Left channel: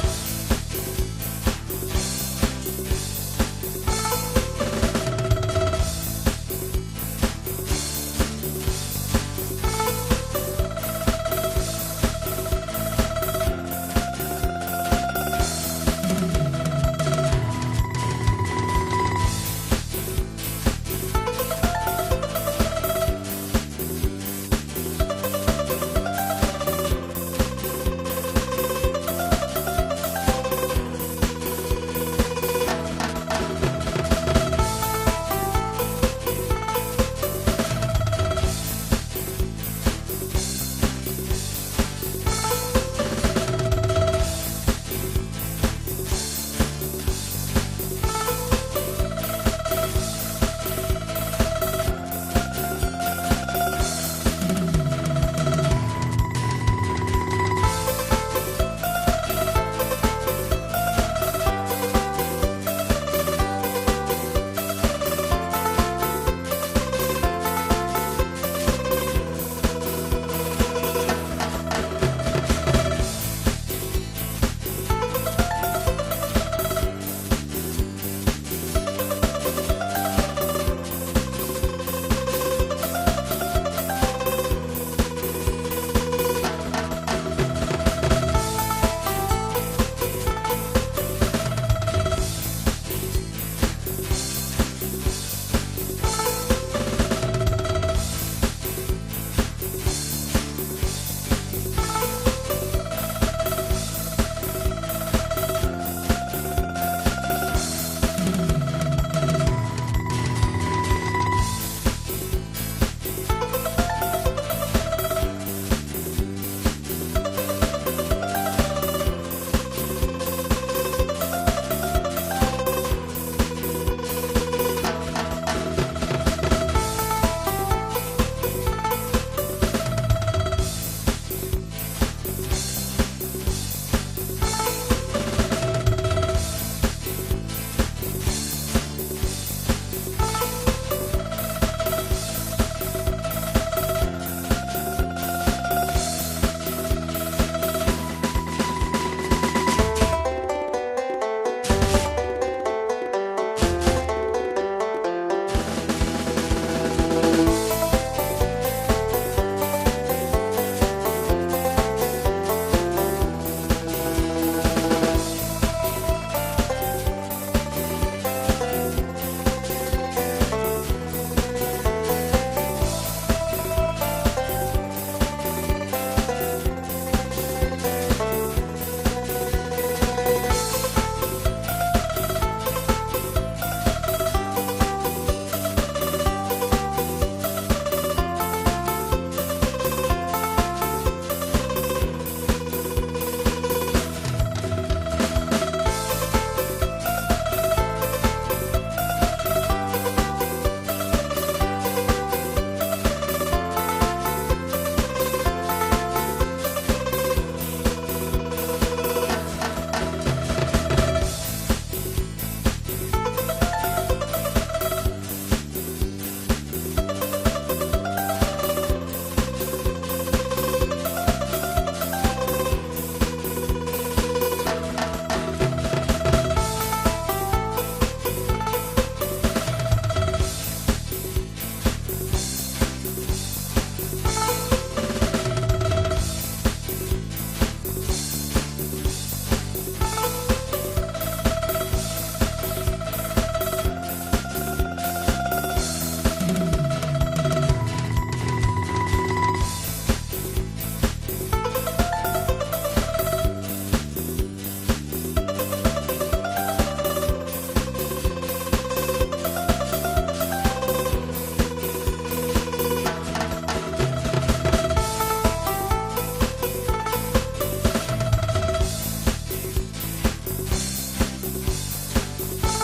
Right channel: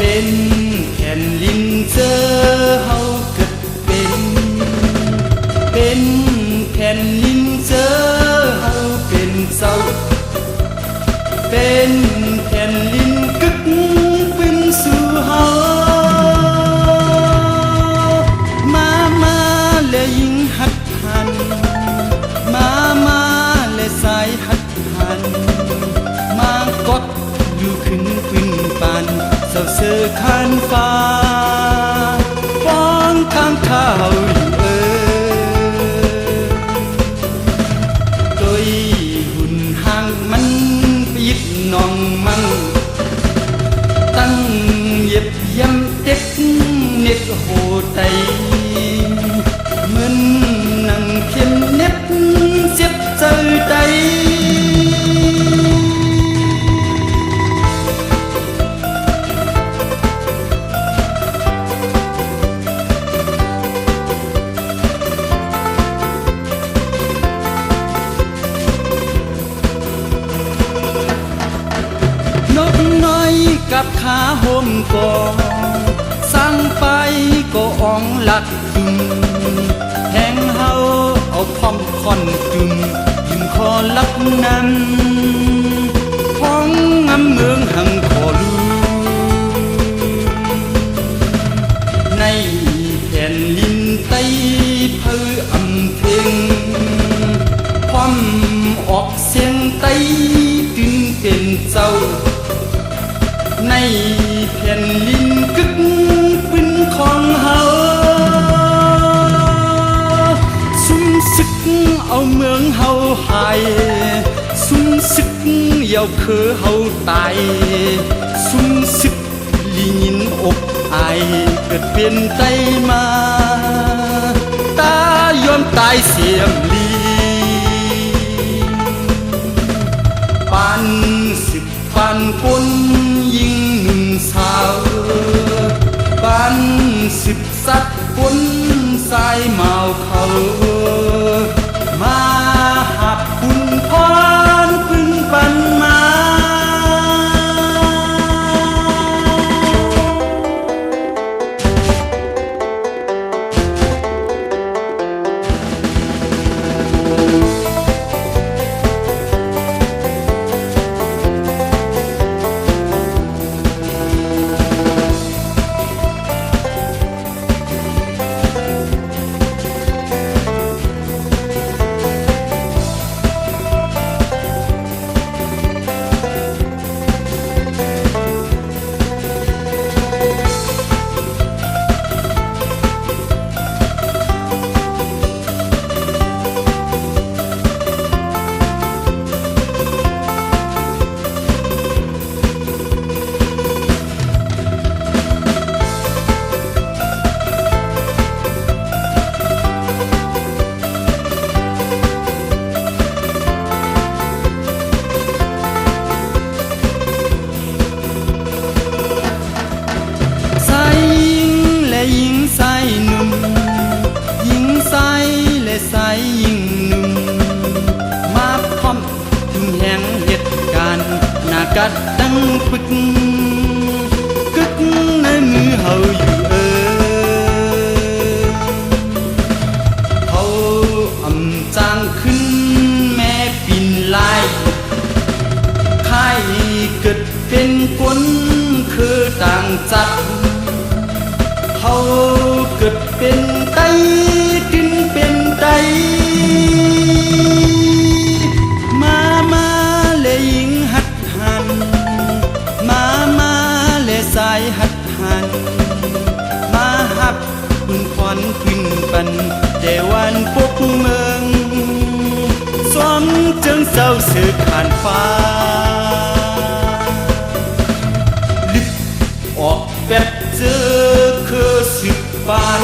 เป็นแผ่นลินเจอเฮาเกิดเป็นแผ่นลินเจอเฮาเป็นเศร้าเป็นแผ่นลินกึกเป็นสู่เฮามาและยิงหัดหันมาและสายหัดหันมากดอยู่ขึ้นปืนปันเศร้าเสือคันฟ้าฟ้องข้างข้าวอยู่โดยหุ่นห่างมันปิดน้องมั่งตั้งเย็บยำเด็กเน็ตโหไตเหมือนนั่งเขียนเน็บเจ็บใจใจกับขาโฮมก่อสร้างไปก็อ่องหลักจุมแทงเฮาเอาคอมคอนจุมยืมคอลักนั้นห้องงำเมืองหังขอลูในแผ่นลินไตเพื่ออำเพ็งความออกเสียงไตตึงเป็นเจ้าในแผ่นลินกึกปืนของเฮาซุ่มศึกเอาเมืองเฮาหายซุ่มศึกเยาเคือเฮาตายซุ่มศึกลิยินอกอายเกิดเป็นไตมาตายอมตายเสียมลีปานสิบปานคนยิงหนุ่มสาวบ้านสิบสักคนสายเมาเขามาหักคุณพรพึ่งปันมากัดดังปึกกึกในมือเฮาอยู่เฮาอำจางขึ้นแม่ปินลายใครเกิดเป็นคนคือต่างจัดเฮาเกิดเป็นไตกินเป็นไตแต่วันพวกเมืองสวมเจิงเศร้าเสือผ่านฟ้าลึกออกแบบเจอคือสิบปาน